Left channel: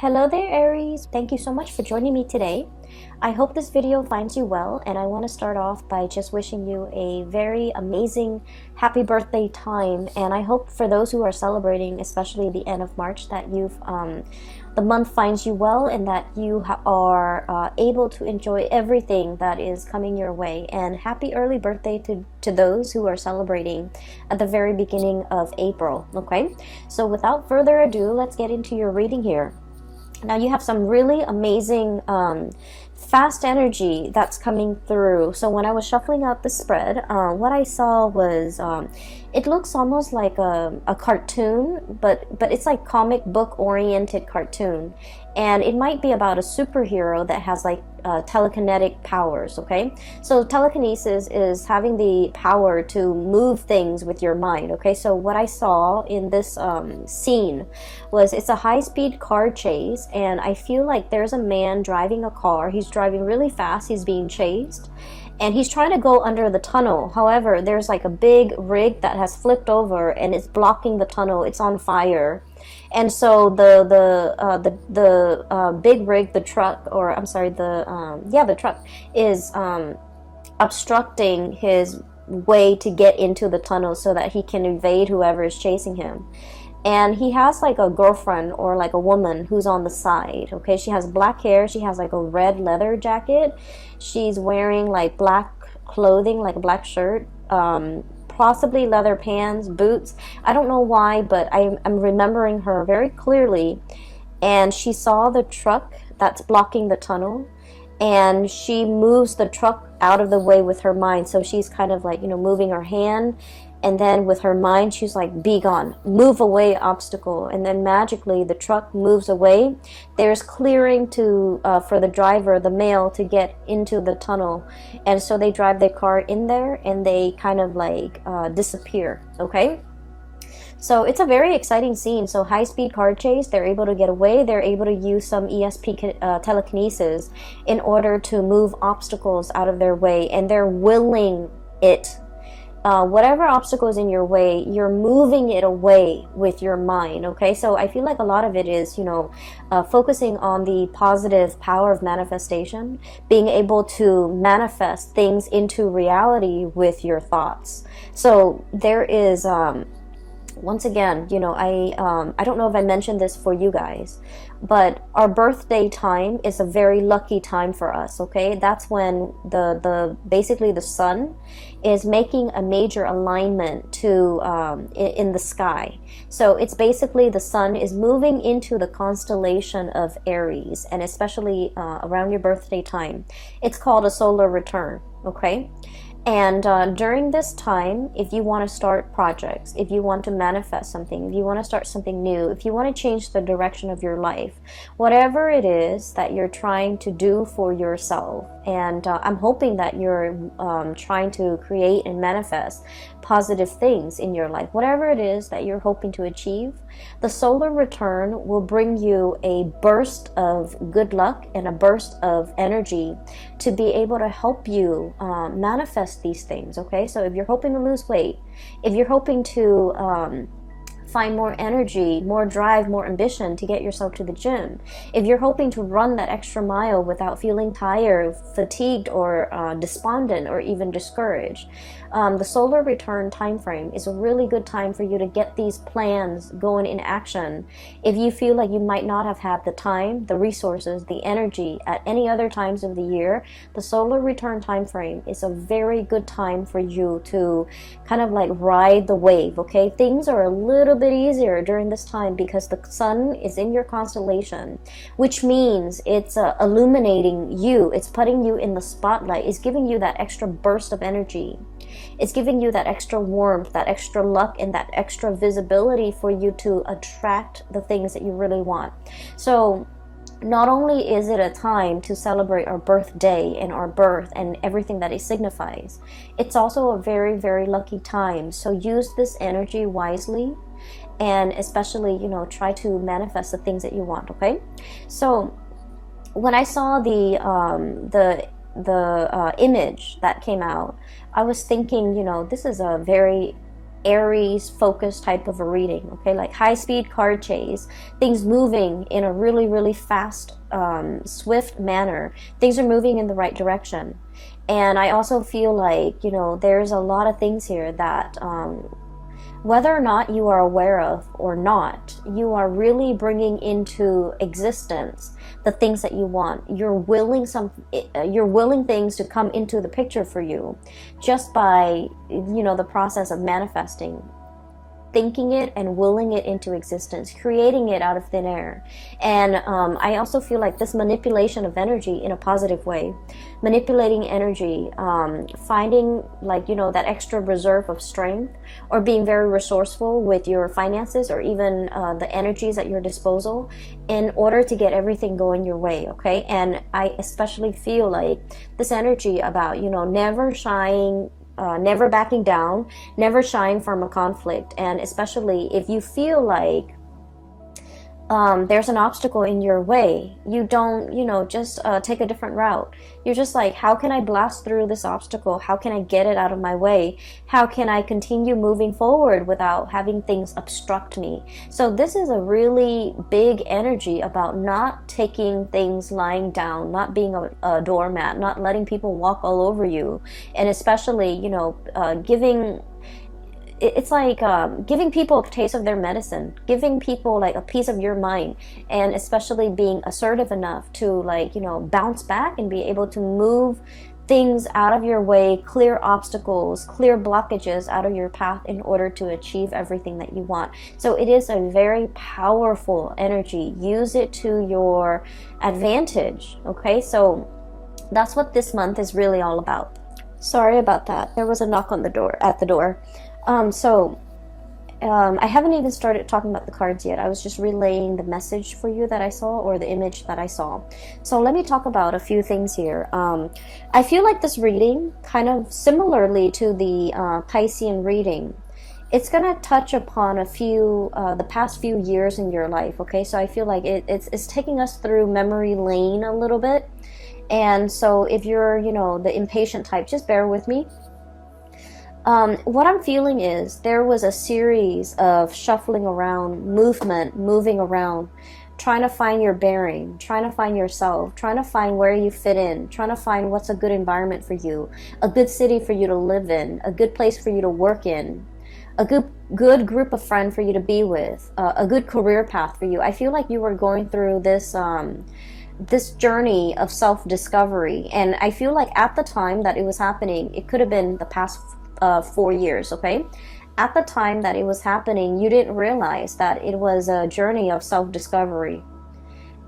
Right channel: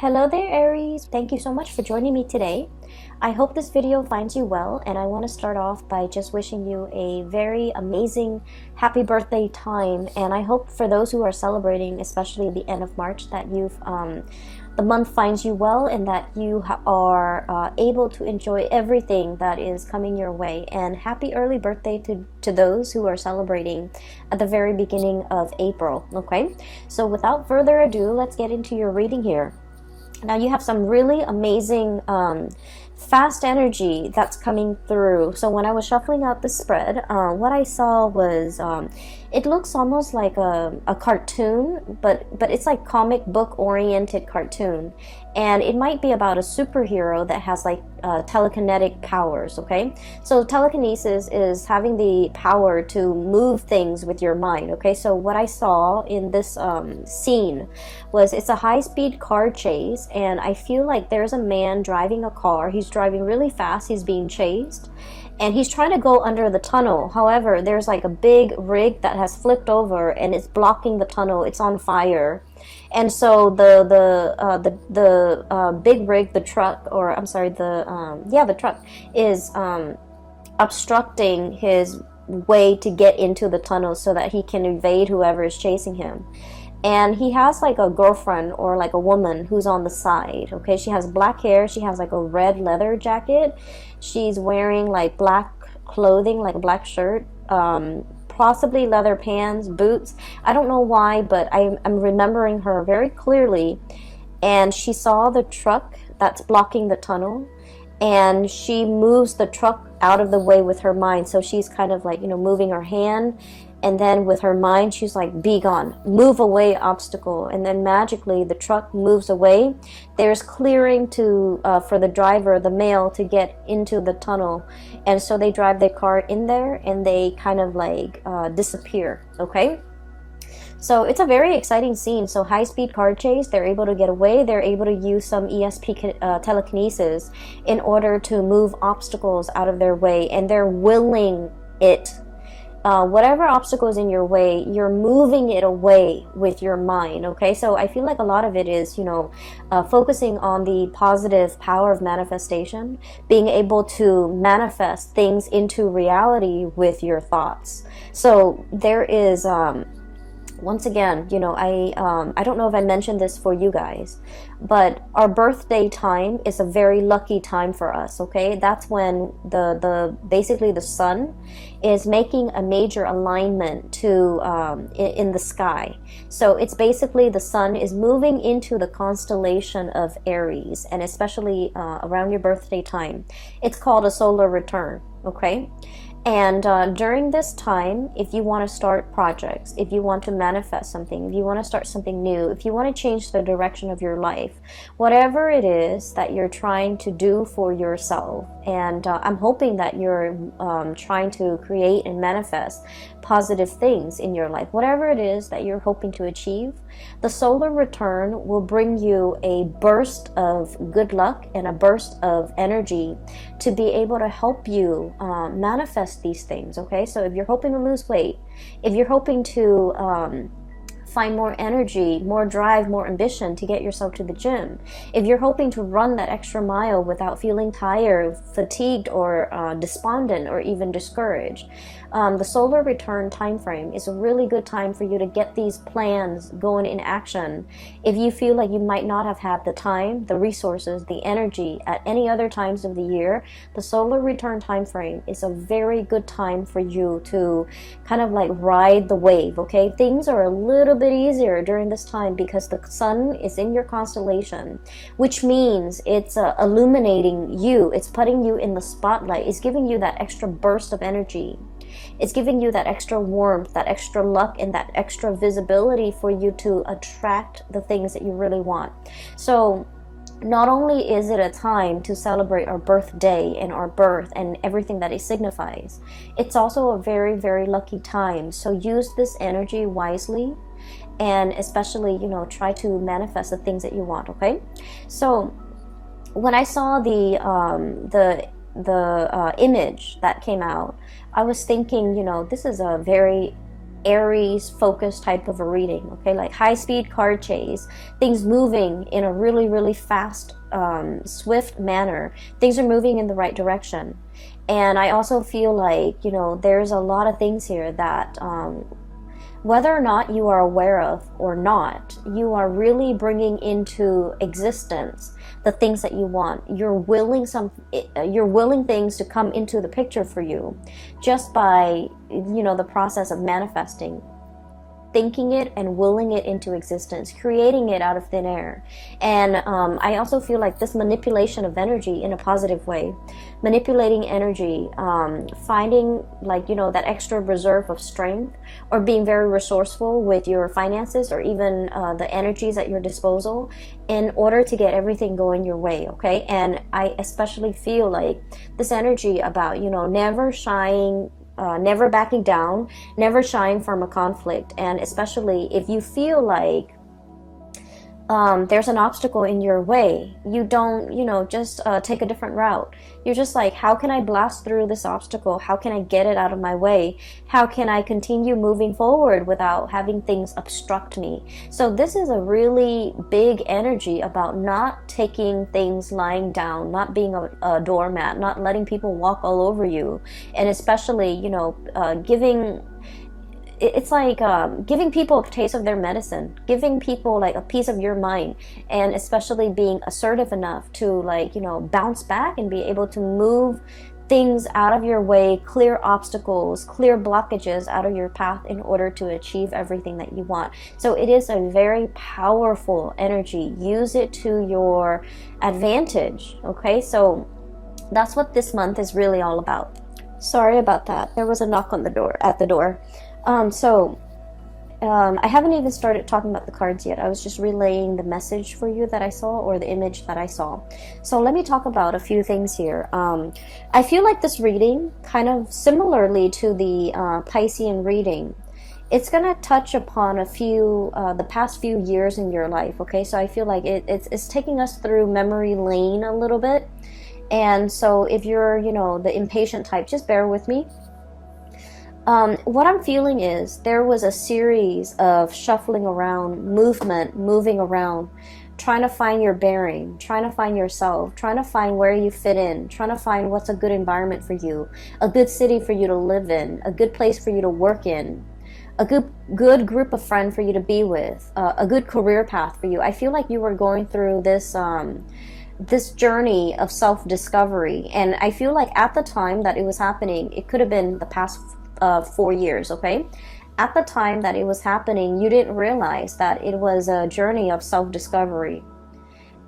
Hello there, Aries. Thank you so much for joining me today. I hope this video finds you well, and I want to start off by just wishing you a very amazing happy birthday time. And I hope for those who are celebrating, especially the end of March, that the month finds you well and that you are able to enjoy everything that is coming your way. And happy early birthday to those who are celebrating at the very beginning of April. Okay, so without further ado, let's get into your reading here. Now you have some really amazing fast energy that's coming through. So when I was shuffling out the spread, what I saw was it looks almost like a cartoon, but it's like comic book oriented cartoon, and it might be about a superhero that has like telekinetic powers. Okay, so telekinesis is having the power to move things with your mind. Okay, so what I saw in this scene was it's a high-speed car chase, and I feel like there's a man driving a car. He's driving really fast. He's being chased, and he's trying to go under the tunnel. However, there's like a big rig that has flipped over and it's blocking the tunnel. It's on fire. And so the big rig, the truck, or I'm sorry, the truck is obstructing his way to get into the tunnel so that he can evade whoever is chasing him. And he has like a girlfriend or like a woman who's on the side. Okay, she has black hair. She has like a red leather jacket. She's wearing like black clothing, like a black shirt, possibly leather pants, boots. I don't know why, but I'm remembering her very clearly. And she saw the truck that's blocking the tunnel, and she moves the truck out of the way with her mind. So she's kind of like, moving her hand, and then with her mind she's like, be gone, move away, obstacle. And then magically the truck moves away. There's clearing to for the driver, the male, to get into the tunnel. And so they drive their car in there and they kind of like disappear. Okay, so it's a very exciting scene. So high-speed car chase, they're able to get away. They're able to use some ESP telekinesis in order to move obstacles out of their way, and they're willing it. Whatever obstacle is in your way, you're moving it away with your mind. Okay, so I feel like a lot of it is, focusing on the positive power of manifestation, being able to manifest things into reality with your thoughts. So there is once again, I don't know if I mentioned this for you guys, but our birthday time is a very lucky time for us. Okay, that's when basically the sun is making a major alignment to in the sky. So it's basically the sun is moving into the constellation of Aries, and especially around your birthday time, it's called a solar return. Okay. And during this time, if you want to start projects, if you want to manifest something, if you want to start something new, if you want to change the direction of your life, whatever it is that you're trying to do for yourself, and I'm hoping that you're trying to create and manifest positive things in your life, whatever it is that you're hoping to achieve, the solar return will bring you a burst of good luck and a burst of energy to be able to help you manifest these things. Okay, so if you're hoping to lose weight, if you're hoping to find more energy, more drive, more ambition to get yourself to the gym, if you're hoping to run that extra mile without feeling tired, fatigued, or despondent, or even discouraged, the solar return time frame is a really good time for you to get these plans going in action. If you feel like you might not have had the time, the resources, the energy at any other times of the year, the solar return time frame is a very good time for you to kind of like ride the wave. Okay, things are a little bit easier during this time because the sun is in your constellation, which means it's illuminating you, it's putting you in the spotlight, it's giving you that extra burst of energy. It's giving you that extra warmth, that extra luck, and that extra visibility for you to attract the things that you really want. So not only is it a time to celebrate our birthday and our birth and everything that it signifies, it's also a very, very lucky time. So use this energy wisely, and especially, try to manifest the things that you want. Okay, so when I saw the image that came out, I was thinking, this is a very Aries focused type of a reading, okay? Like high speed car chase, things moving in a really, really fast, swift manner. Things are moving in the right direction. And I also feel like, you know, there's a lot of things here that, whether or not you are aware of or not, you are really bringing into existence the things that you want. You're willing things to come into the picture for you just by, you know, the process of manifesting, thinking it and willing it into existence, creating it out of thin air. And I also feel like this manipulation of energy in a positive way, manipulating energy, finding, like, you know, that extra reserve of strength, or being very resourceful with your finances, or even the energies at your disposal, in order to get everything going your way, okay? And I especially feel like this energy about, you know, never shying, never backing down, never shying from a conflict. And especially if you feel like there's an obstacle in your way, you don't, you know, just take a different route. You're just like, how can I blast through this obstacle? How can I get it out of my way? How can I continue moving forward without having things obstruct me? So this is a really big energy about not taking things lying down, not being a doormat, not letting people walk all over you. And especially, you know, it's like giving people a taste of their medicine, giving people like a piece of your mind, and especially being assertive enough to, like, you know, bounce back and be able to move things out of your way, clear obstacles, clear blockages out of your path in order to achieve everything that you want. So it is a very powerful energy. Use it to your advantage, okay? So that's what this month is really all about. Sorry about that. There was a knock on the door, at the door. I haven't even started talking about the cards yet. I was just relaying the message for you that I saw, or the image that I saw. So let me talk about a few things here. I feel like this reading, kind of similarly to the Piscean reading, it's going to touch upon a few, the past few years in your life, okay? So I feel like it's taking us through memory lane a little bit. And so if you're, you know, the impatient type, just bear with me. What I'm feeling is there was a series of shuffling around, moving around, trying to find your bearing, trying to find yourself, trying to find where you fit in, trying to find what's a good environment for you, a good city for you to live in, a good place for you to work in, a good group of friends for you to be with, a good career path for you. I feel like you were going through this this journey of self-discovery, and I feel like at the time that it was happening, it could have been the past 4 years, okay? At the time that it was happening, you didn't realize that it was a journey of self-discovery.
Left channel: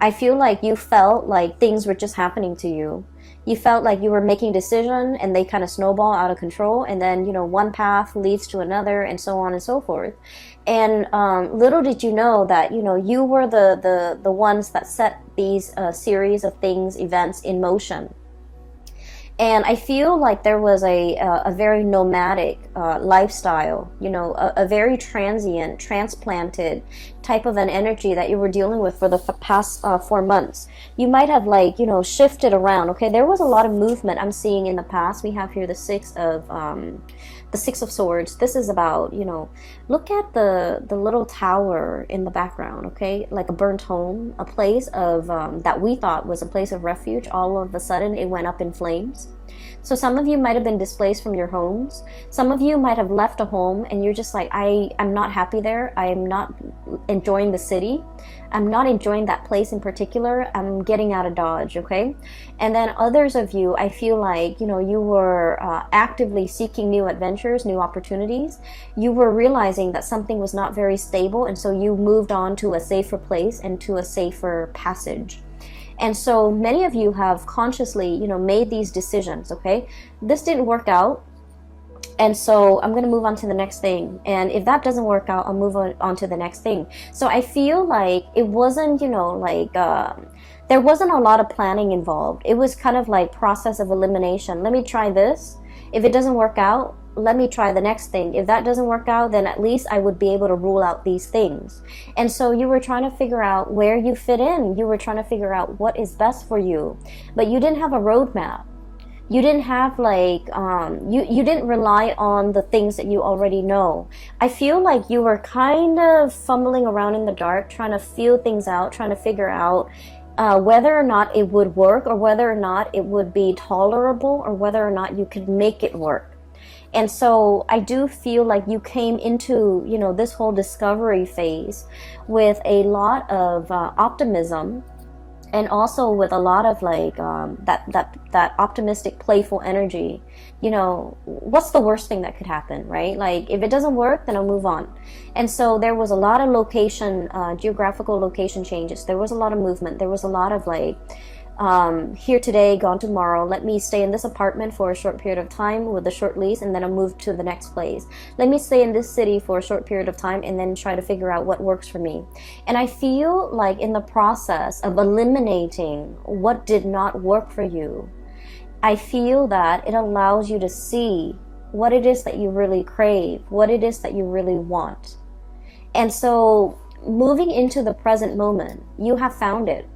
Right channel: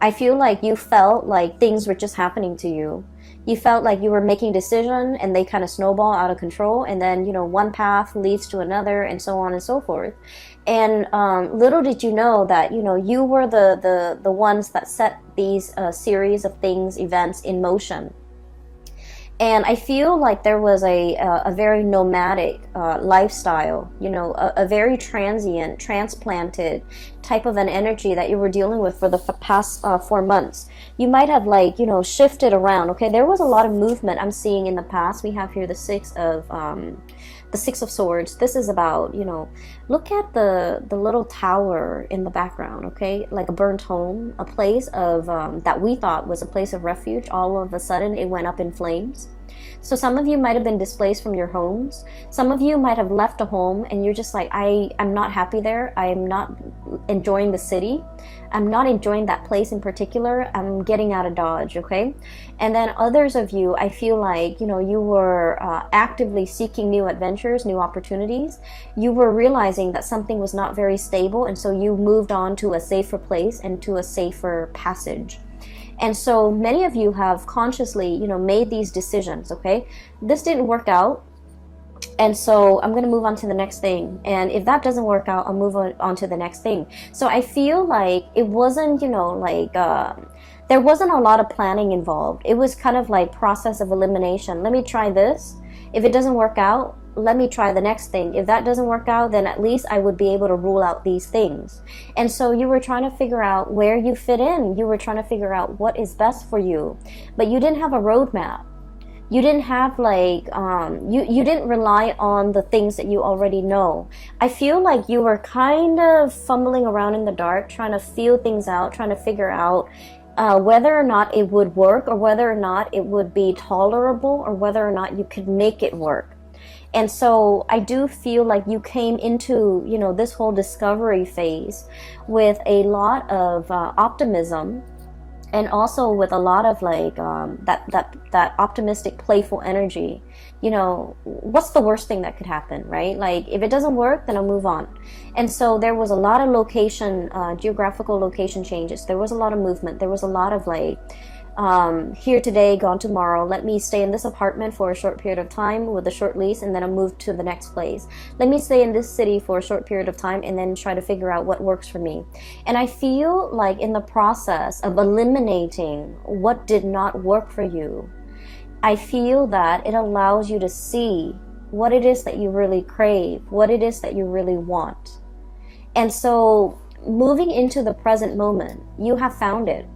I feel like you felt like things were just happening to you. You felt like you were making decisions and they kind of snowball out of control, and then, you know, one path leads to another, and so on and so forth. And little did you know that, you know, you were the ones that set these series of things, events in motion. And I feel like there was a very nomadic lifestyle, you know, a very transient, transplanted type of an energy that you were dealing with for the past 4 months. You might have, like, you know, shifted around, okay? There was a lot of movement I'm seeing in the past. We have here the Six of Swords. This is about, you know, look at the little tower in the background, okay? Like a burnt home, a place of, that we thought was a place of refuge. All of a sudden, it went up in flames. So some of you might have been displaced from your homes. Some of you might have left a home and you're just like, I'm not happy there. I am not enjoying the city. I'm not enjoying that place in particular. I'm getting out of Dodge, okay? And then others of you, I feel like, you know, you were actively seeking new adventures, new opportunities. You were realizing that something was not very stable, and so you moved on to a safer place and to a safer passage. And so many of you have consciously, you know, made these decisions, okay? This didn't work out, and so I'm going to move on to the next thing. And if that doesn't work out, I'll move on to the next thing. So I feel like it wasn't, you know, like, there wasn't a lot of planning involved. It was kind of like process of elimination. Let me try this. If it doesn't work out, let me try the next thing. If that doesn't work out, then at least I would be able to rule out these things. And so you were trying to figure out where you fit in. You were trying to figure out what is best for you. But you didn't have a roadmap. You didn't have like you didn't rely on the things that you already know. I feel like you were kind of fumbling around in the dark, trying to feel things out, trying to figure out whether or not it would work, or whether or not it would be tolerable, or whether or not you could make it work. And so I do feel like you came into, you know, this whole discovery phase with a lot of optimism, and also with a lot of like that optimistic, playful energy. You know, what's the worst thing that could happen, right? Like, if it doesn't work, then I'll move on. And so there was a lot of location, geographical location changes. There was a lot of movement. There was a lot of like, here today, gone tomorrow. Let me stay in this apartment for a short period of time with a short lease, and then I'll move to the next place. Let me stay in this city for a short period of time, and then try to figure out what works for me. And I feel like in the process of eliminating what did not work for you, I feel that it allows you to see what it is that you really crave, what it is that you really want. And so moving into the present moment, you have found it.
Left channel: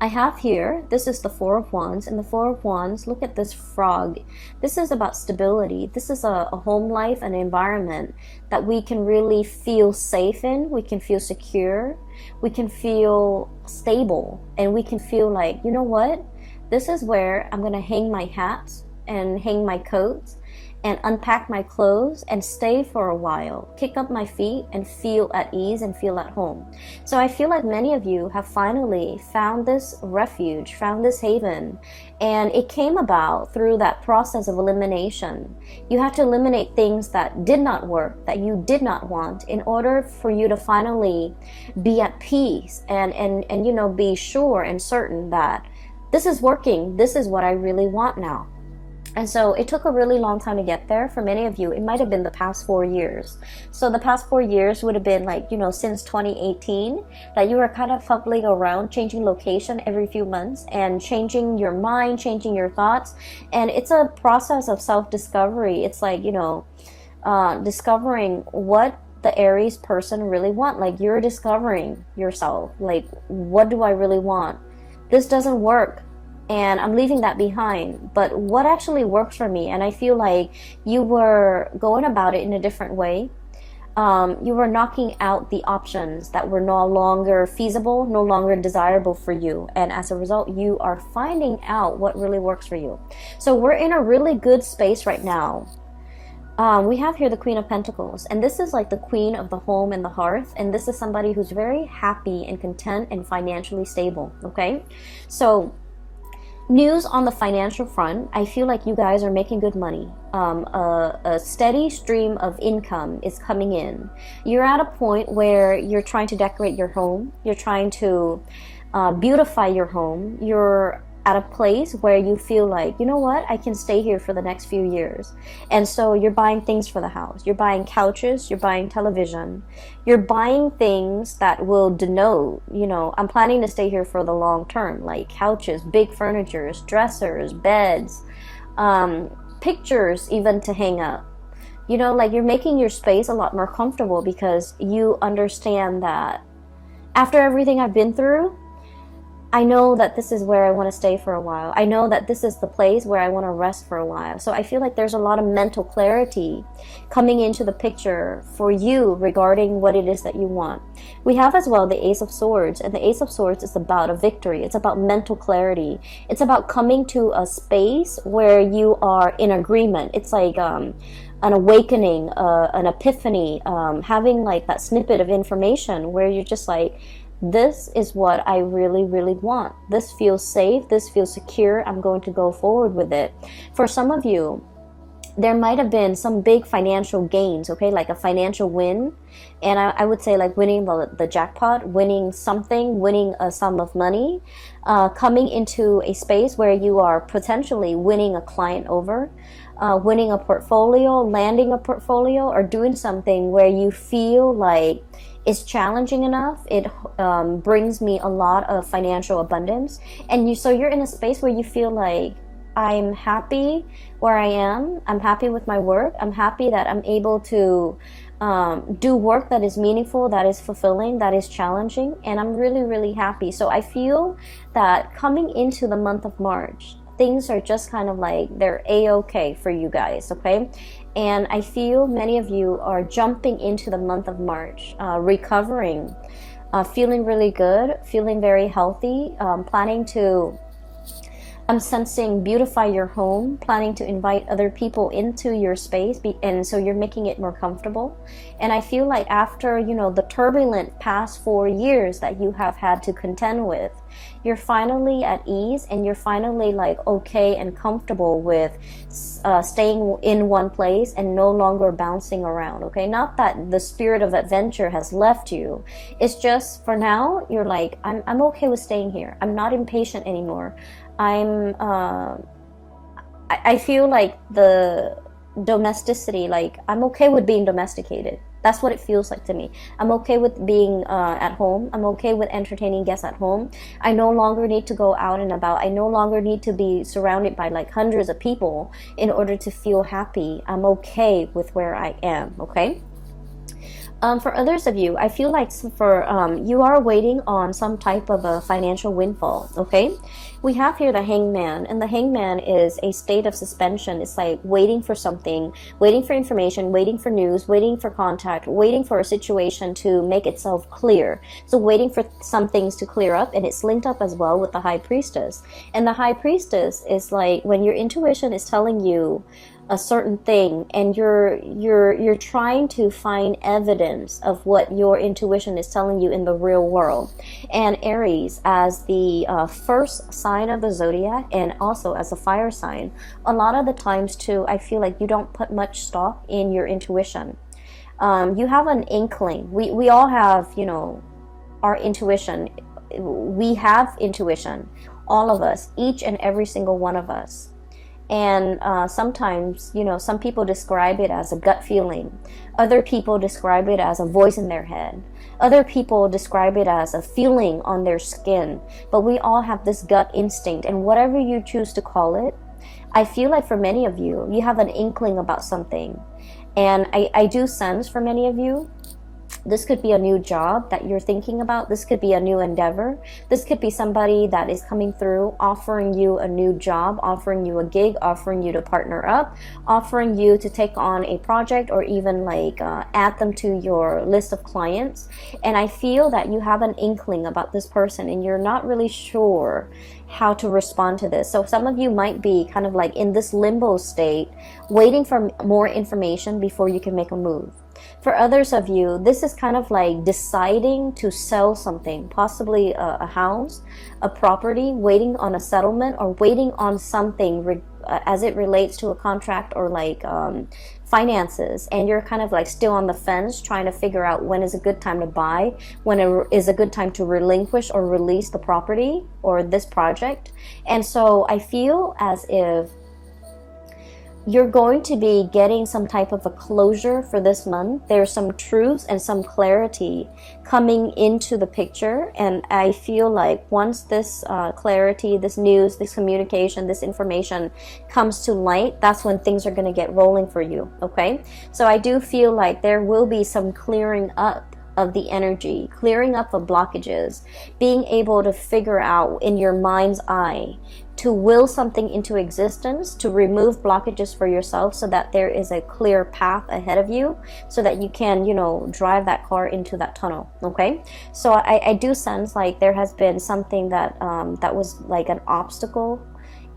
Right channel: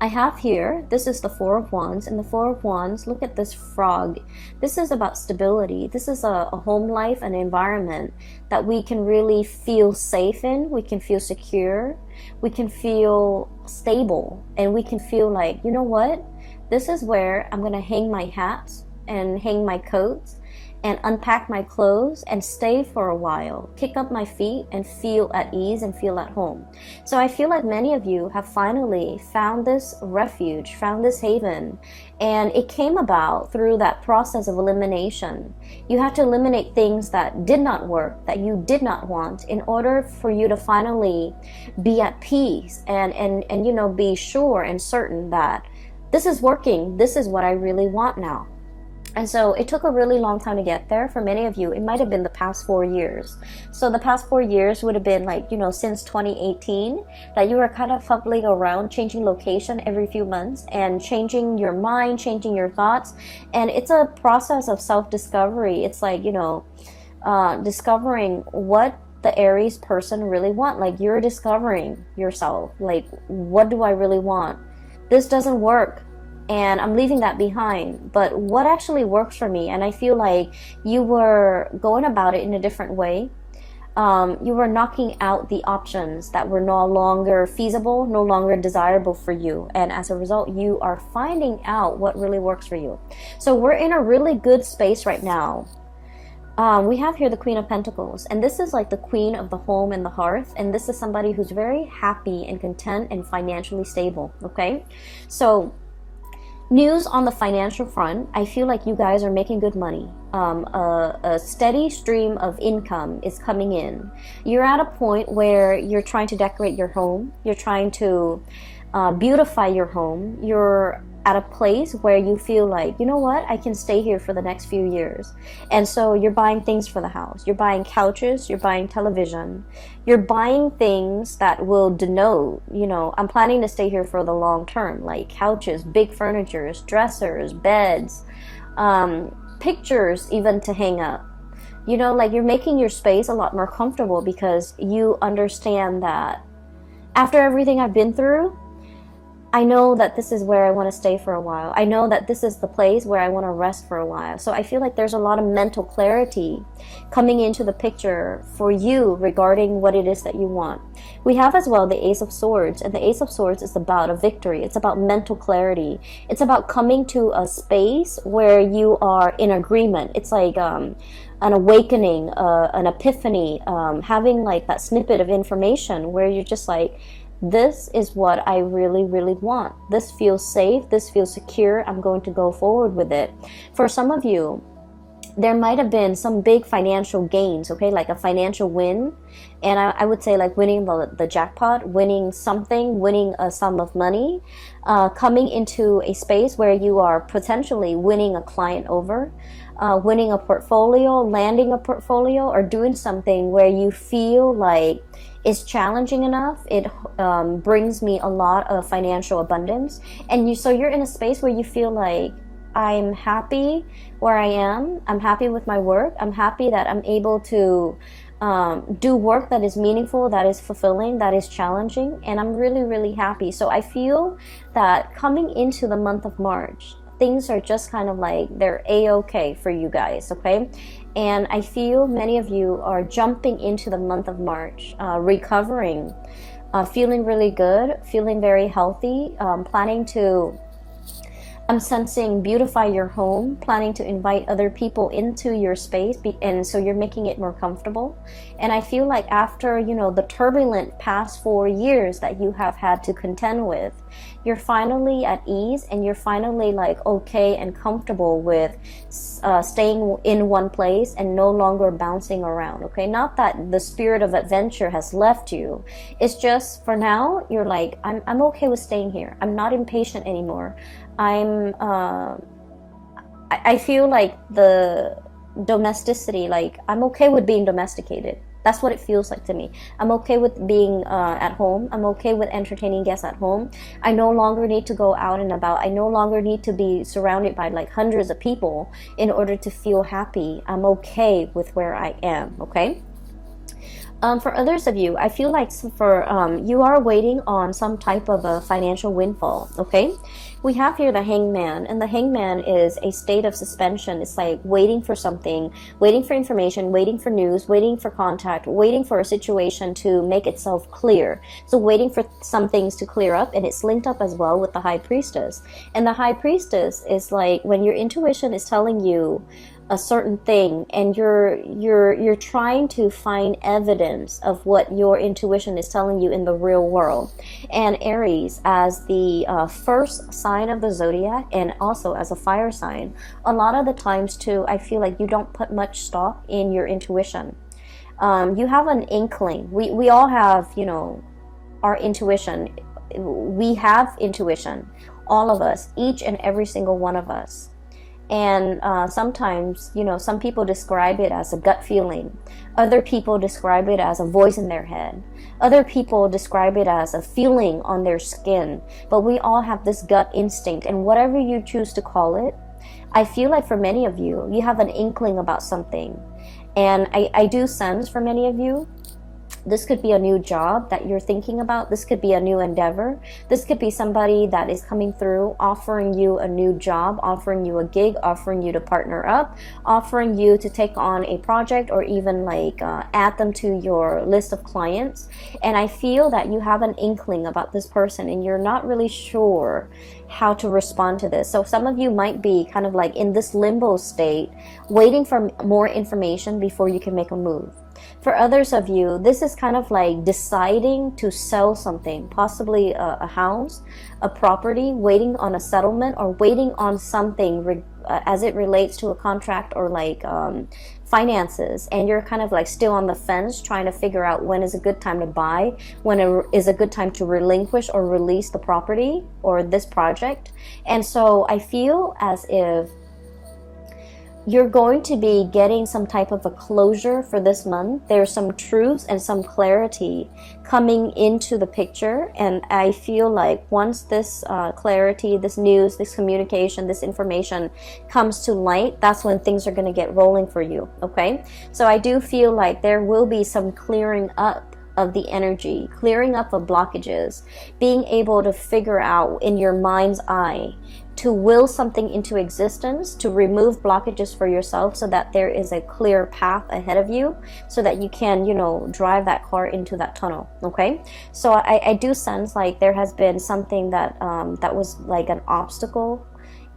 I have here, this is the Four of Wands, and the Four of Wands, look at this frog. This is about stability. This is a home life, an environment that we can really feel safe in, we can feel secure, we can feel stable, and we can feel like, you know what? This is where I'm going to hang my hats and hang my coats and unpack my clothes and stay for a while, kick up my feet and feel at ease and feel at home. So I feel like many of you have finally found this refuge, found this haven, and it came about through that process of elimination. You had to eliminate things that did not work, that you did not want, in order for you to finally be at peace and you know, be sure and certain that this is working, this is what I really want now. And so it took a really long time to get there. For many of you, it might have been the past 4 years. So the past 4 years would have been like, you know, since 2018, that you were kind of fumbling around, changing location every few months and changing your mind, changing your thoughts. And it's a process of self-discovery. It's like, you know, discovering what the Aries person really want. Like, you're discovering yourself. Like, what do I really want? This doesn't work, and I'm leaving that behind, but what actually works for me? And I feel like you were going about it in a different way. You were knocking out the options that were no longer feasible, no longer desirable for you, and as a result, you are finding out what really works for you. So we're in a really good space right now. We have here the Queen of Pentacles, and this is like the queen of the home and the hearth, and this is somebody who's very happy and content and financially stable, okay? So news on the financial front, I feel like you guys are making good money. A steady stream of income is coming in. You're at a point where you're trying to decorate your home. You're trying to beautify your home. You're at a place where you feel like, you know what, I can stay here for the next few years. And so you're buying things for the house. You're buying couches, you're buying television. You're buying things that will denote, you know, I'm planning to stay here for the long term, like couches, big furnitures, dressers, beds, pictures even to hang up. You know, like, you're making your space a lot more comfortable because you understand that after everything I've been through, I know that this is where I want to stay for a while. I know that this is the place where I want to rest for a while. So I feel like there's a lot of mental clarity coming into the picture for you regarding what it is that you want. We have as well the Ace of Swords, and the Ace of Swords is about a victory. It's about mental clarity. It's about coming to a space where you are in agreement. It's like an awakening, an epiphany, having like that snippet of information where you're just like, this is what I really, really want. This feels safe. This feels secure. I'm going to go forward with it. For some of you, there might have been some big financial gains, okay, like a financial win. And I would say like winning the jackpot, winning something, winning a sum of money, coming into a space where you are potentially winning a client over, winning a portfolio, landing a portfolio, or doing something where you feel like is challenging enough. It brings me a lot of financial abundance, and so you're in a space where you feel like, I'm happy where I am. I'm happy with my work. I'm happy that I'm able to do work that is meaningful, that is fulfilling, that is challenging, and I'm really, really happy. So I feel that coming into the month of March, things are just kind of like, they're a-okay for you guys, okay? And I feel many of you are jumping into the month of March, recovering, feeling really good, feeling very healthy, planning to, I'm sensing, beautify your home, planning to invite other people into your space, and so you're making it more comfortable. And I feel like after, you know, the turbulent past 4 years that you have had to contend with, you're finally at ease, and you're finally like okay and comfortable with staying in one place and no longer bouncing around, okay? Not that the spirit of adventure has left you. It's just for now, you're like, I'm okay with staying here. I'm not impatient anymore. I feel like the domesticity, like I'm okay with being domesticated. That's what it feels like to me. I'm okay with being at home. I'm okay with entertaining guests at home. I no longer need to go out and about. I no longer need to be surrounded by like hundreds of people in order to feel happy. I'm okay with where I am, okay? For others of you, I feel like you are waiting on some type of a financial windfall, okay? We have here the hangman, and the hangman is a state of suspension. It's like waiting for something, waiting for information, waiting for news, waiting for contact, waiting for a situation to make itself clear. So waiting for some things to clear up, and it's linked up as well with the high priestess. And the high priestess is like when your intuition is telling you a certain thing, and you're trying to find evidence of what your intuition is telling you in the real world. And Aries, as the first sign of the zodiac, and also as a fire sign, a lot of the times too, I feel like you don't put much stock in your intuition. You have an inkling. We all have, you know, our intuition. We have intuition, all of us, each and every single one of us. And sometimes, you know, some people describe it as a gut feeling. Other people describe it as a voice in their hand. Other people describe it as a feeling on their skin. But we all have this gut instinct, and whatever you choose to call it, I feel like for many of you, you have an inkling about something. And I do sense for many of you, this could be a new job that you're thinking about. This could be a new endeavor. This could be somebody that is coming through, offering you a new job, offering you a gig, offering you to partner up, offering you to take on a project, or even like add them to your list of clients. And I feel that you have an inkling about this person, and you're not really sure how to respond to this. So some of you might be kind of like in this limbo state, waiting for more information before you can make a move. For others of you, this is kind of like deciding to sell something, possibly a house, a property, waiting on a settlement, or waiting on something as it relates to a contract, or like finances. And you're kind of like still on the fence, trying to figure out when is a good time to buy, when is a good time to relinquish or release the property or this project. And so I feel as if you're going to be getting some type of a closure for this month. There's some truth and some clarity coming into the picture. And I feel like once this clarity, this news, this communication, this information comes to light, that's when things are going to get rolling for you, okay? So I do feel like there will be some clearing up of the energy, clearing up of blockages, being able to figure out in your mind's eye to will something into existence, to remove blockages for yourself so that there is a clear path ahead of you, so that you can, you know, drive that car into that tunnel, okay? So I do sense like there has been something that that was like an obstacle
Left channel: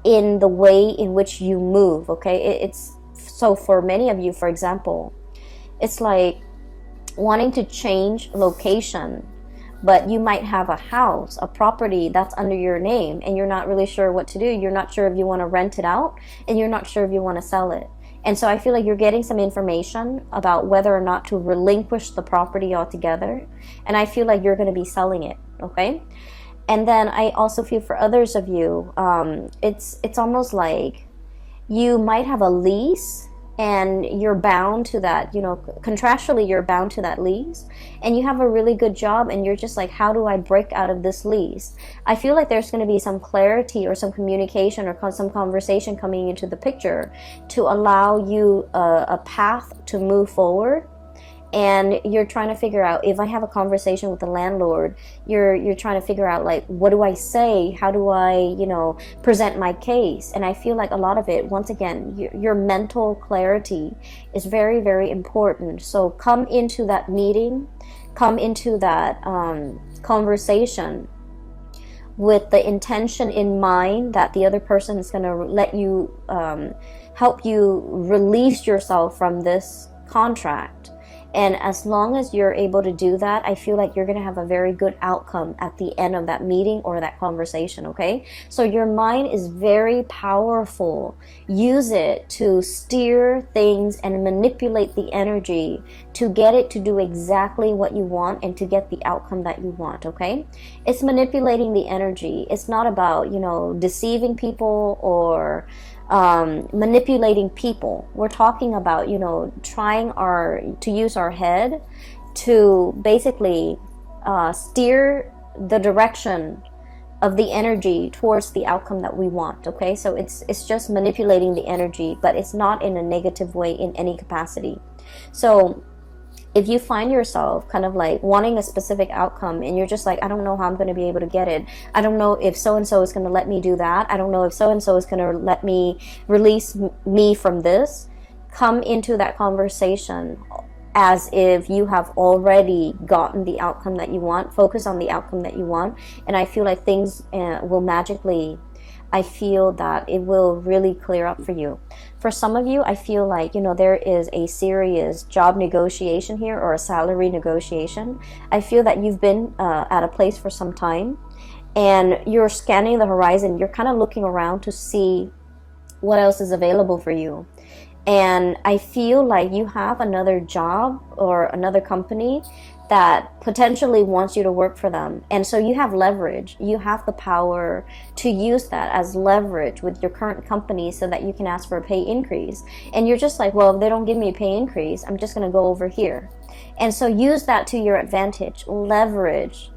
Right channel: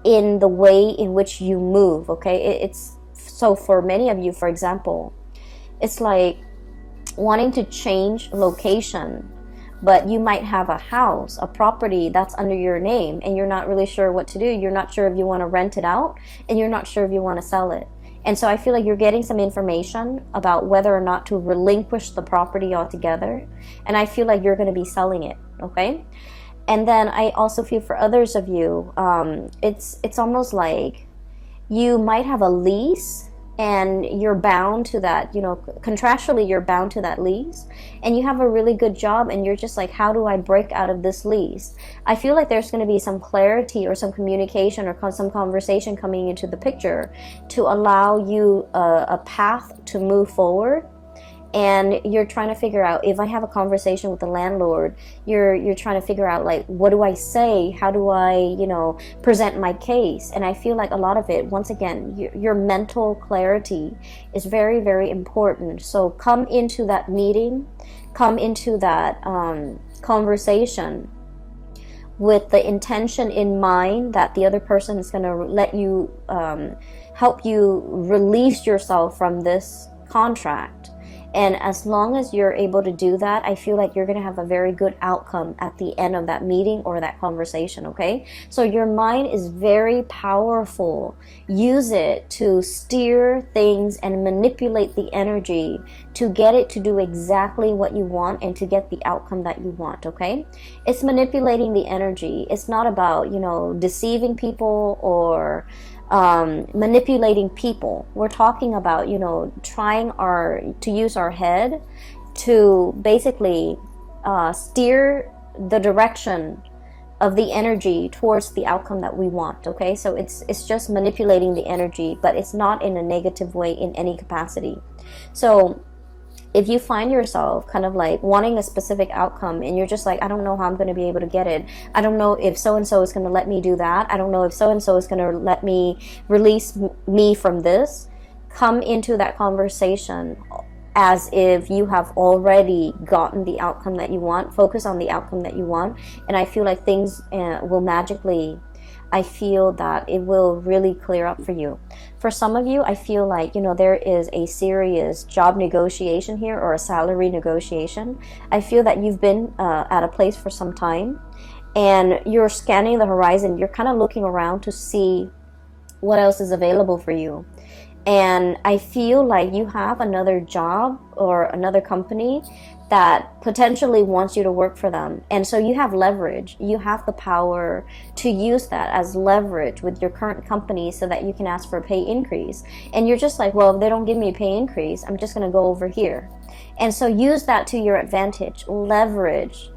in the way in which you move, okay? It's so for many of you, for example, it's like wanting to change location, but you might have a house, a property that's under your name, and you're not really sure what to do. You're not sure if you want to rent it out, and you're not sure if you want to sell it. And so I feel like you're getting some information about whether or not to relinquish the property altogether. And I feel like you're going to be selling it, okay? And then I also feel for others of you, it's almost like you might have a lease, and you're bound to that, you know, contractually you're bound to that lease, and you have a really good job, and you're just like, how do I break out of this lease? I feel like there's going to be some clarity or some communication or some conversation coming into the picture to allow you a path to move forward. and you're trying to figure out, if I have a conversation with the landlord, you're trying to figure out, like, what do I say? How do I, you know, present my case? And I feel like a lot of it, once again, your mental clarity is very, very important. So come into that meeting, come into that conversation with the intention in mind that the other person is going to let you, help you release yourself from this contract. And as long as you're able to do that, I feel like you're going to have a very good outcome at the end of that meeting or that conversation, okay? So your mind is very powerful. Use it to steer things and manipulate the energy to get it to do exactly what you want and to get the outcome that you want, okay? It's manipulating the energy. It's not about, you know, deceiving people or manipulating people. We're talking about, you know, trying to use our head to basically steer the direction of the energy towards the outcome that we want, okay? So it's just manipulating the energy, but it's not in a negative way in any capacity. So if you find yourself kind of like wanting a specific outcome and you're just like, I don't know how I'm going to be able to get it. I don't know if so-and-so is going to let me do that. I don't know if so-and-so is going to let me release me from this. Come into that conversation as if you have already gotten the outcome that you want. Focus on the outcome that you want. And I feel like things will magically, I feel that it will really clear up for you. For some of you, I feel like, you know, there is a serious job negotiation here or a salary negotiation. I feel that you've been at a place for some time and you're scanning the horizon. You're kind of looking around to see what else is available for you. And I feel like you have another job or another company that potentially wants you to work for them. And so you have leverage. You have the power to use that as leverage with your current company so that you can ask for a pay increase. And you're just like, well, if they don't give me a pay increase, I'm just going to go over here. And so use that to your advantage. Leverage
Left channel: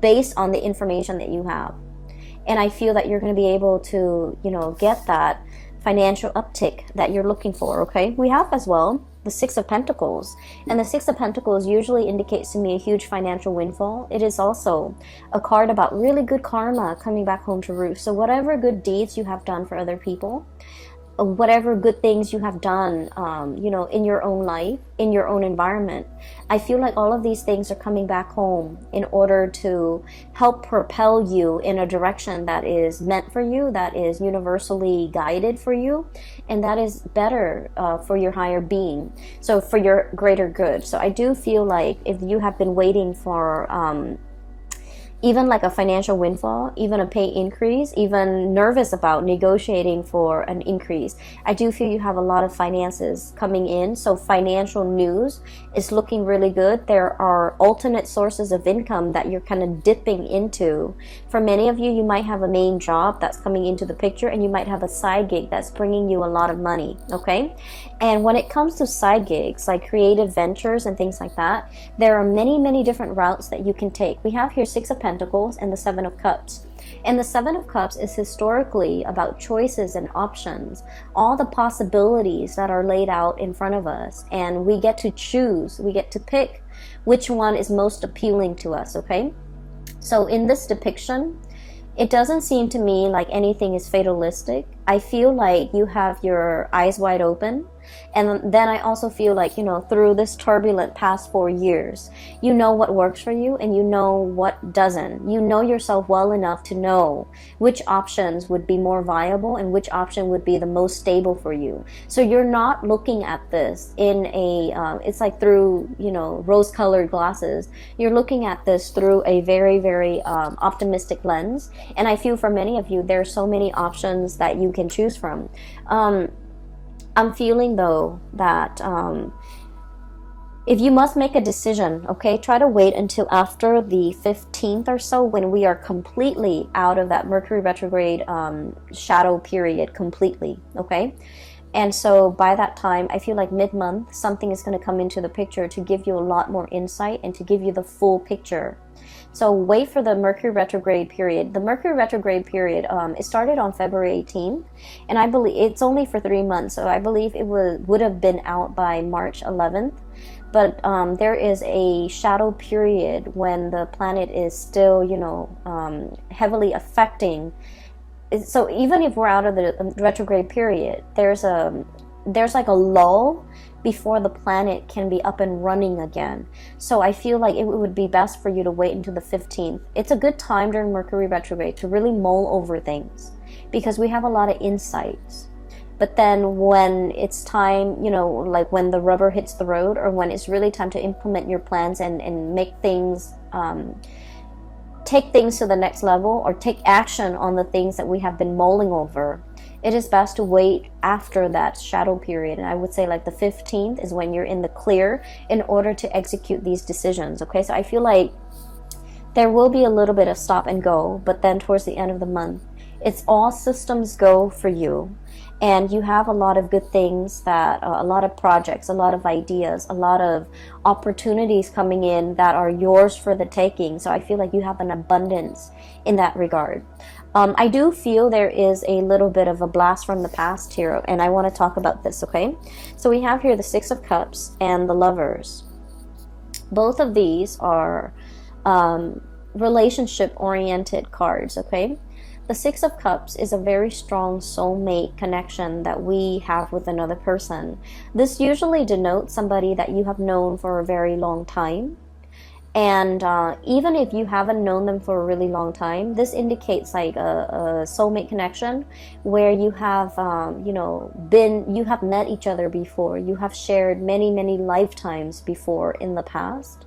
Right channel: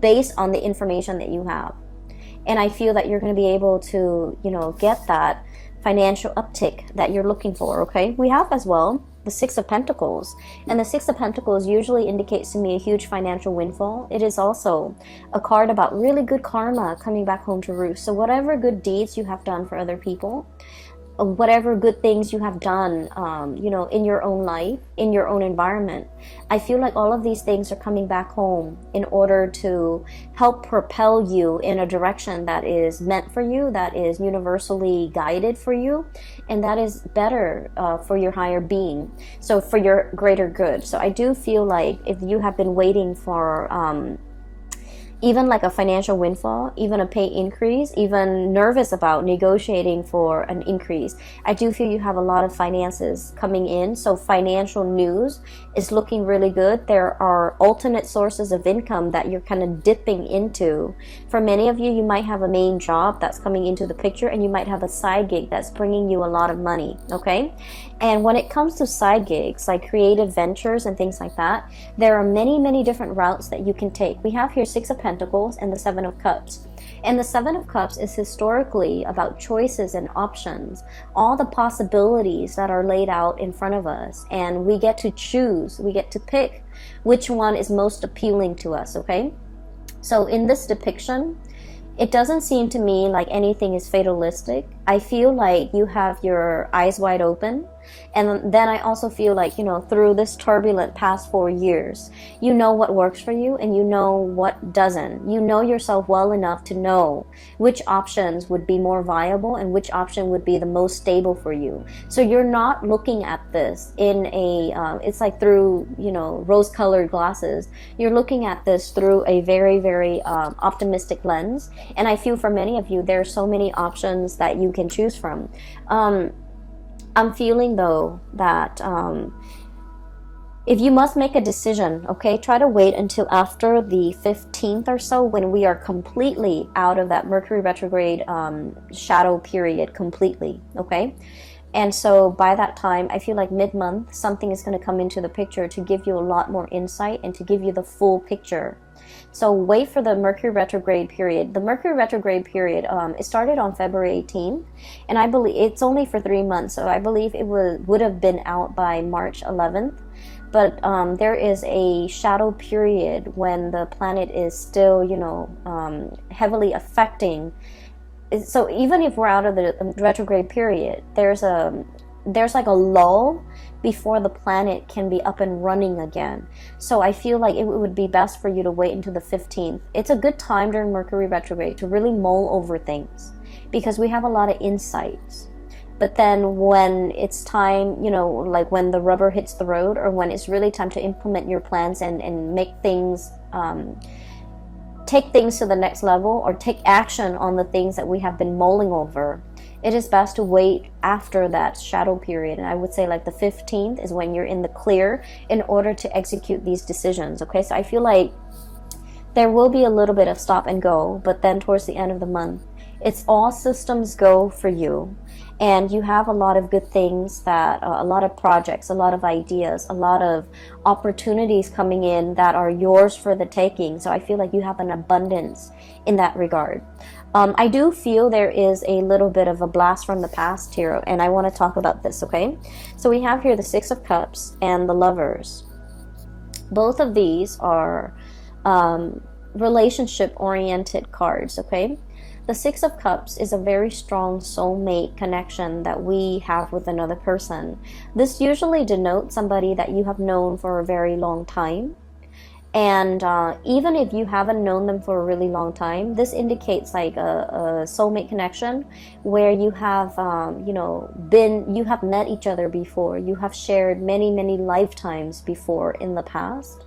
based on the information that you have. And I feel that you're going to be able to, you know, get that financial uptick that you're looking for, okay? We have as well the Six of Pentacles. And the Six of Pentacles usually indicates to me a huge financial windfall. It is also a card about really good karma coming back home to roost. So whatever good deeds you have done for other people, whatever good things you have done, you know, in your own life, in your own environment, I feel like all of these things are coming back home in order to help propel you in a direction that is meant for you, that is universally guided for you, and that is better for your higher being, so for your greater good. So I do feel like if you have been waiting for even like a financial windfall, even a pay increase, even nervous about negotiating for an increase, I do feel you have a lot of finances coming in. So financial news is looking really good. There are alternate sources of income that you're kind of dipping into. For many of you, you might have a main job that's coming into the picture, and you might have a side gig that's bringing you a lot of money, okay? And when it comes to side gigs, like creative ventures and things like that, there are many, many different routes that you can take. We have here Six of Pentacles and the Seven of Cups. And the Seven of Cups is historically about choices and options, all the possibilities that are laid out in front of us. And we get to choose, we get to pick which one is most appealing to us, okay? So in this depiction, it doesn't seem to me like anything is fatalistic. I feel like you have your eyes wide open. And then I also feel like, you know, through this turbulent past 4 years, you know what works for you and you know what doesn't. You know yourself well enough to know which options would be more viable and which option would be the most stable for you. So you're not looking at this in a, it's like through, you know, rose-colored glasses. You're looking at this through a very, very optimistic lens. And I feel for many of you, there's so many options that you can choose from. I'm feeling though that if you must make a decision, okay, try to wait until after the 15th or so, when we are completely out of that Mercury retrograde shadow period completely, okay? And so by that time, I feel like mid-month, something is going to come into the picture to give you a lot more insight and to give you the full picture. So wait for the Mercury retrograde period. The Mercury retrograde period, it started on February 18th, and I believe it's only for 3 months. So I believe it would have been out by March 11th. but there is a shadow period when the planet is still, you know, heavily affecting. So even if we're out of the retrograde period, there's like a lull before the planet can be up and running again. So I feel like it would be best for you to wait until the 15th. It's a good time during Mercury retrograde to really mull over things, because we have a lot of insights. But then when it's time, you know, like when the rubber hits the road, or when it's really time to implement your plans and make things, take things to the next level, or take action on the things that we have been mulling over, it is best to wait after that shadow period. And I would say like the 15th is when you're in the clear in order to execute these decisions. Okay, so I feel like there will be a little bit of stop and go, but then towards the end of the month, it's all systems go for you. And you have a lot of good things, that a lot of projects, a lot of ideas, a lot of opportunities coming in that are yours for the taking. So I feel like you have an abundance in that regard. I do feel there is a little bit of a blast from the past here, and I want to talk about this, okay? So we have here the Six of Cups and the Lovers. Both of these are relationship-oriented cards, okay? The Six of Cups is a very strong soulmate connection that we have with another person. This usually denotes somebody that you have known for a very long time. And even if you haven't known them for a really long time, this indicates like a soulmate connection where you have, you have met each other before. You have shared many, many lifetimes before in the past.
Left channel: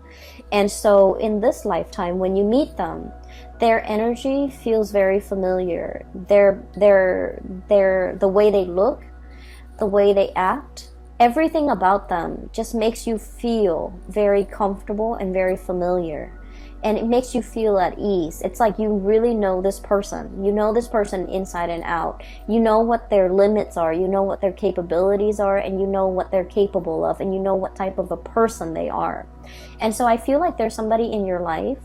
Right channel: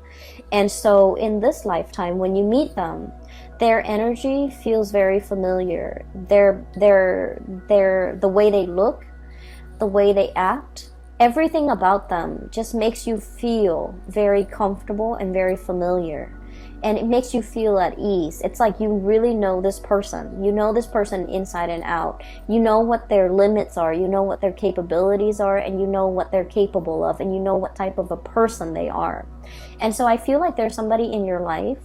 And so in this lifetime, when you meet them, their energy feels very familiar. The way they look, the way they act, everything about them just makes you feel very comfortable and very familiar. And it makes you feel at ease. It's like you really know this person. You know this person inside and out. You know what their limits are. You know what their capabilities are. And you know what they're capable of. And you know what type of a person they are. And so I feel like there's somebody in your life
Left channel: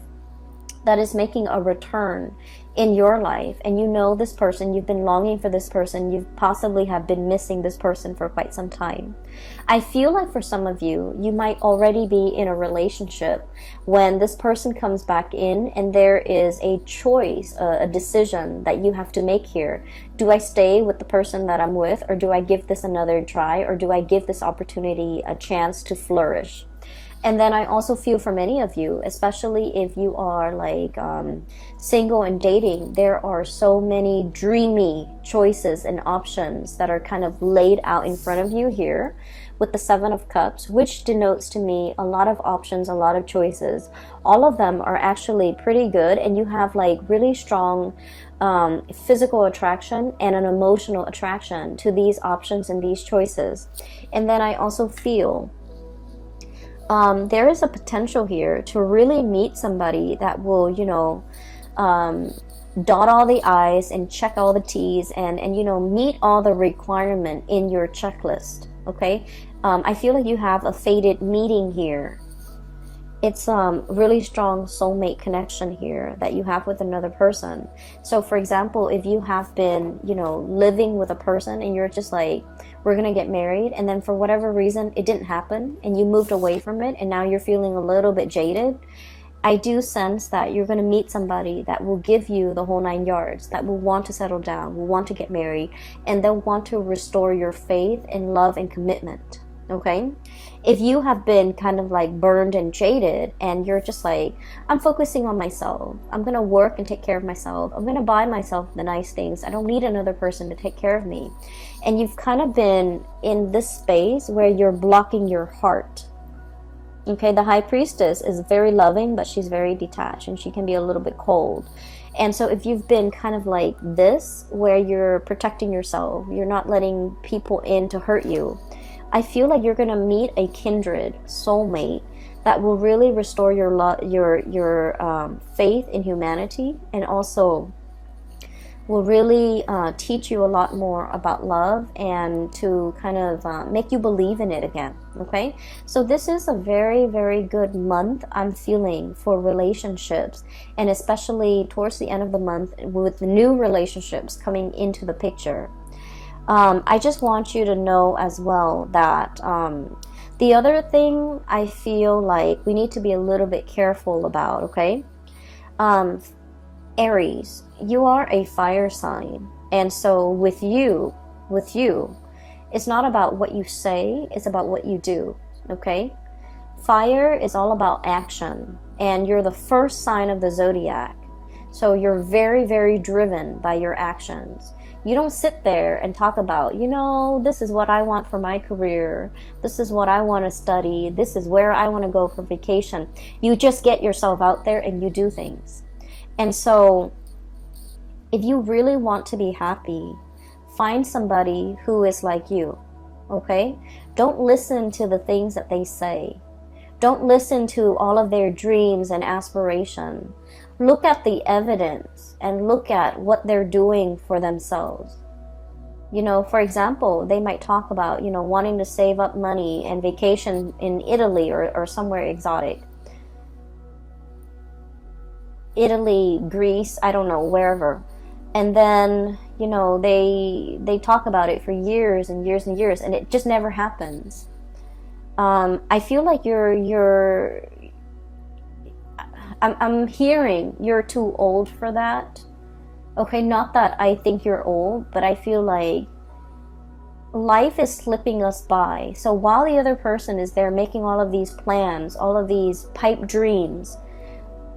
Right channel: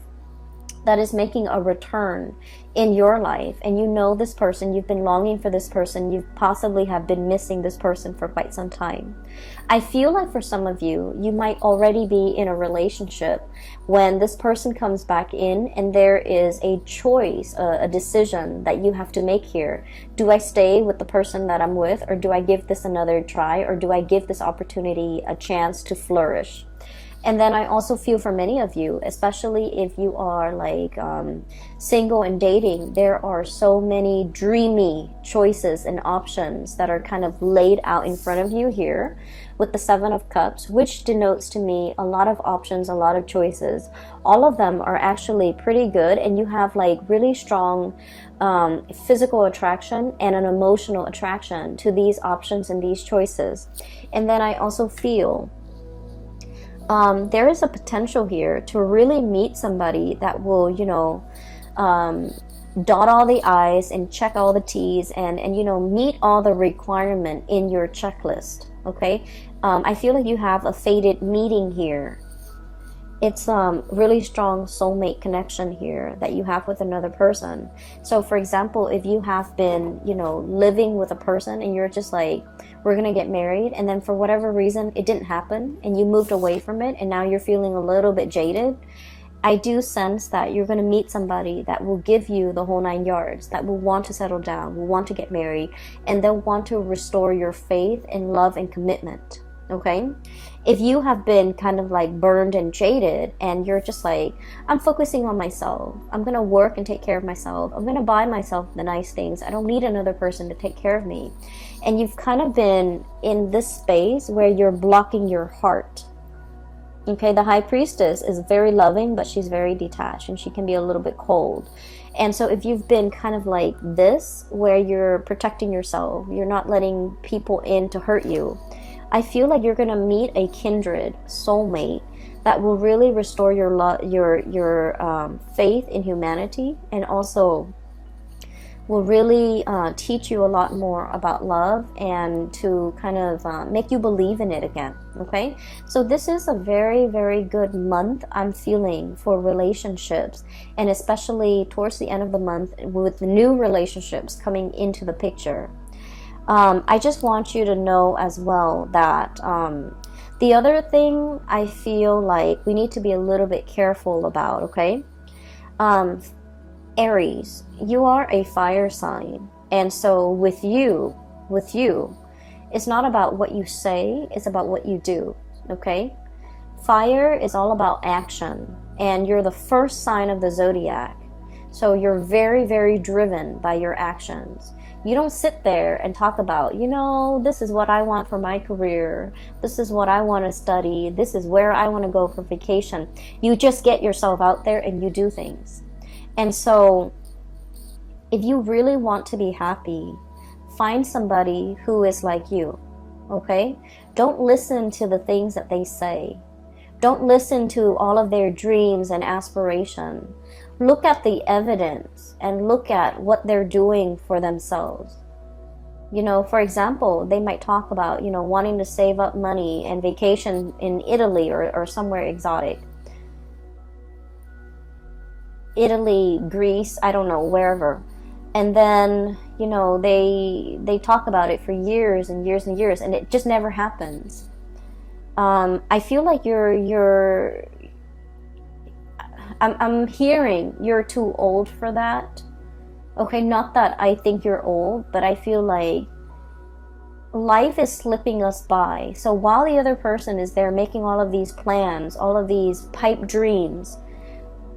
that is making a return in your life, and you know this person, you've been longing for this person, you possibly have been missing this person for quite some time. I feel like for some of you, you might already be in a relationship when this person comes back in, and there is a choice, a decision that you have to make here. Do I stay with the person that I'm with, or do I give this another try, or do I give this opportunity a chance to flourish? And then I also feel for many of you, especially if you are like single and dating, there are so many dreamy choices and options that are kind of laid out in front of you here with the Seven of Cups, which denotes to me a lot of options, a lot of choices. All of them are actually pretty good, and you have like really strong physical attraction and an emotional attraction to these options and these choices. And then I also feel there is a potential here to really meet somebody that will, dot all the I's and check all the T's and meet all the requirement in your checklist. Okay. I feel like you have a fated meeting here. It's really strong soulmate connection here that you have with another person. So for example, if you have been, living with a person and you're just like, we're gonna get married, and then for whatever reason it didn't happen and you moved away from it, and now you're feeling a little bit jaded, I do sense that you're gonna meet somebody that will give you the whole 9 yards, that will want to settle down, will want to get married, and they'll want to restore your faith in love and commitment. Okay? If you have been kind of like burned and jaded, and you're just like, I'm focusing on myself, I'm gonna work and take care of myself, I'm gonna buy myself the nice things, I don't need another person to take care of me, and you've kind of been in this space where you're blocking your heart. Okay, the High Priestess is very loving, but she's very detached, and she can be a little bit cold. And so if you've been kind of like this, where you're protecting yourself, you're not letting people in to hurt you, I feel like you're going to meet a kindred soulmate that will really restore your faith in humanity, and also will really teach you a lot more about love, and to kind of make you believe in it again. Okay, so this is a very, very good month I'm feeling for relationships, and especially towards the end of the month with the new relationships coming into the picture. I just want you to know as well that The other thing I feel like we need to be a little bit careful about, okay? Um, Aries, you are a fire sign. And so with you, it's not about what you say, it's about what you do, okay? Fire is all about action, and you're the first sign of the zodiac. So you're very, very driven by your actions. You don't sit there and talk about, this is what I want for my career. This is what I want to study. This is where I want to go for vacation. You just get yourself out there and you do things. And so if you really want to be happy, find somebody who is like you, okay? Don't listen to the things that they say. Don't listen to all of their dreams and aspirations. Look at the evidence and look at what they're doing for themselves. For example, they might talk about, wanting to save up money and vacation in Italy or somewhere exotic. Italy, Greece, I don't know, wherever. And then, they talk about it for years and years and years, and it just never happens. I feel like I'm hearing you're too old for that. Okay, not that I think you're old, but I feel like life is slipping us by. So while the other person is there making all of these plans, all of these pipe dreams,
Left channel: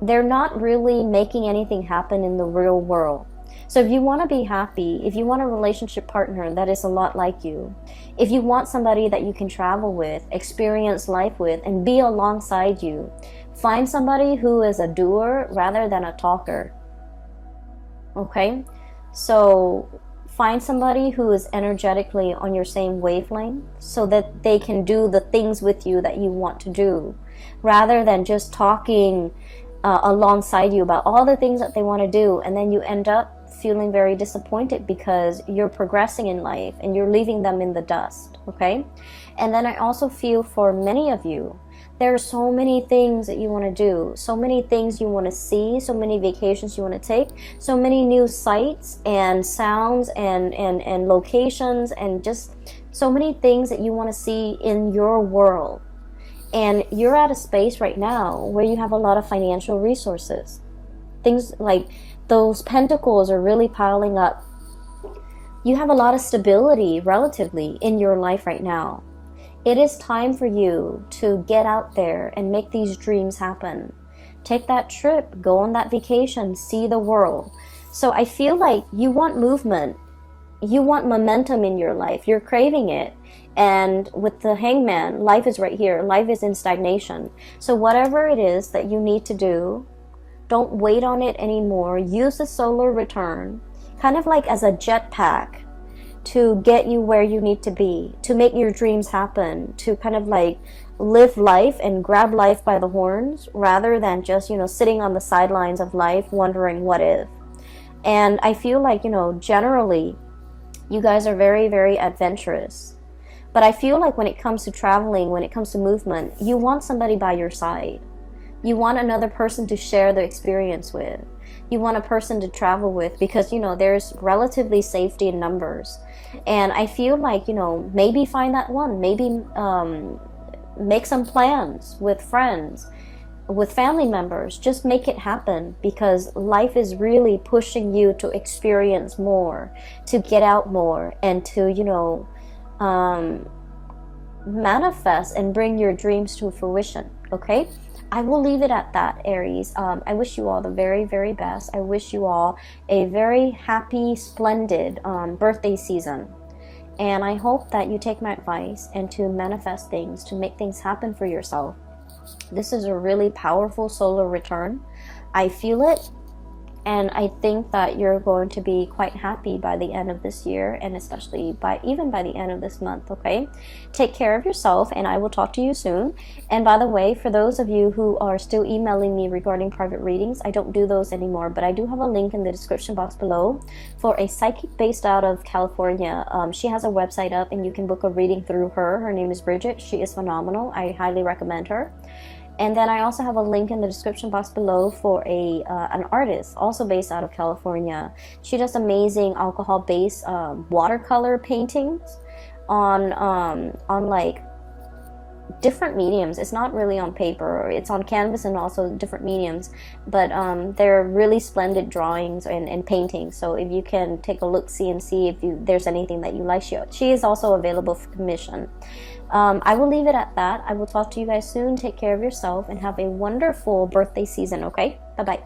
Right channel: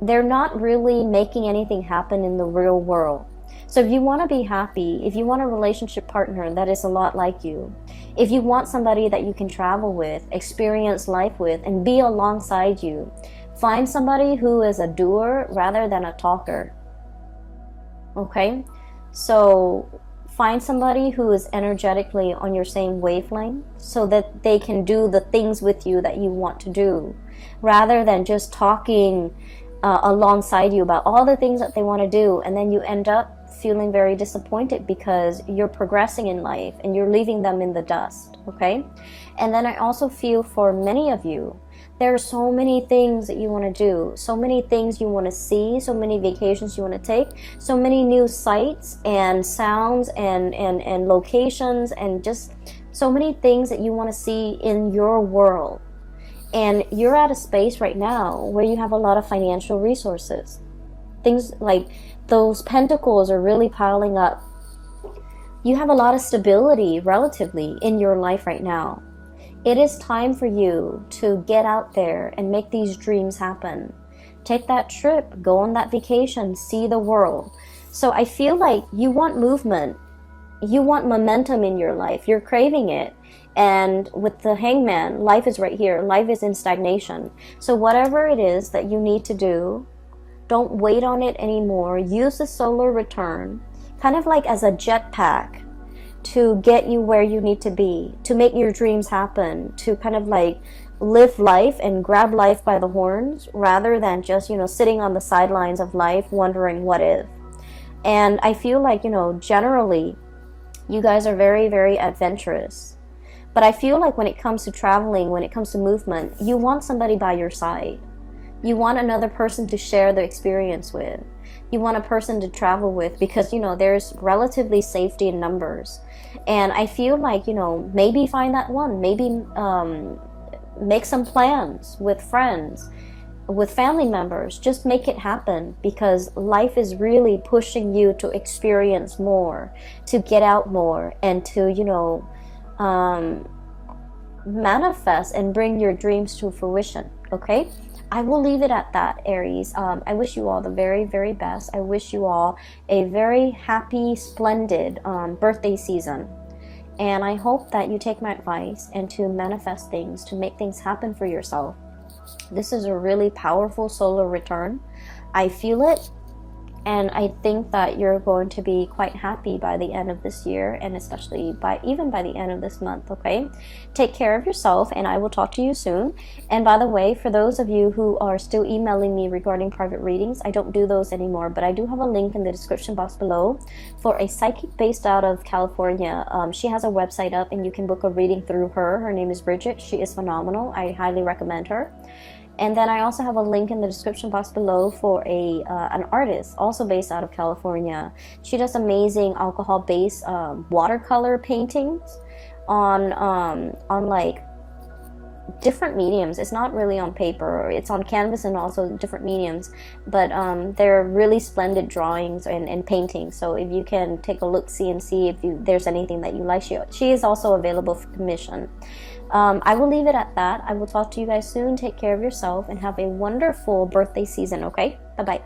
they're not really making anything happen in the real world. So if you want to be happy, if you want a relationship partner that is a lot like you, if you want somebody that you can travel with, experience life with, and be alongside you, find somebody who is a doer rather than a talker. Okay? So find somebody who is energetically on your same wavelength so that they can do the things with you that you want to do, rather than just talking alongside you about all the things that they want to do, and then you end up feeling very disappointed because you're progressing in life and you're leaving them in the dust, okay? And then I also feel for many of you, there are so many things that you want to do, so many things you want to see, so many vacations you want to take, so many new sights and sounds and locations, and just so many things that you want to see in your world. And you're at a space right now where you have a lot of financial resources. Things like those pentacles are really piling up. You have a lot of stability relatively in your life right now. It is time for you to get out there and make these dreams happen. Take that trip, go on that vacation, see the world. So I feel like you want movement. You want momentum in your life. You're craving it. And with the Hangman, life is right here. Life is in stagnation. So whatever it is that you need to do, don't wait on it anymore. Use the solar return kind of like as a jetpack to get you where you need to be, to make your dreams happen, to kind of like live life and grab life by the horns rather than just, sitting on the sidelines of life wondering what if. And I feel like, generally you guys are very, very adventurous. But I feel like when it comes to traveling, when it comes to movement, you want somebody by your side. You want another person to share the experience with. You want a person to travel with because, there's relatively safety in numbers. And I feel like, maybe find that one. Maybe make some plans with friends, with family members. Just make it happen because life is really pushing you to experience more, to get out more, and to, manifest and bring your dreams to fruition, okay? I will leave it at that, Aries. I wish you all the very, very best. I wish you all a very happy, splendid birthday season. And I hope that you take my advice and to manifest things, to make things happen for yourself. This is a really powerful solar return. I feel it. And I think that you're going to be quite happy by the end of this year, and especially even by the end of this month, okay? Take care of yourself, and I will talk to you soon. And by the way, for those of you who are still emailing me regarding private readings, I don't do those anymore, but I do have a link in the description box below for a psychic based out of California. She has a website up, and you can book a reading through her. Her name is Bridget. She is phenomenal. I highly recommend her. And then I also have a link in the description box below for an artist also based out of California. She does amazing alcohol-based watercolor paintings on like different mediums. It's not really on paper, it's on canvas and also different mediums, but they're really splendid drawings and paintings. So if you can take a look, see and see if there's anything that you like, she is also available for commission. I will leave it at that. I will talk to you guys soon. Take care of yourself and have a wonderful birthday season. Okay, bye bye.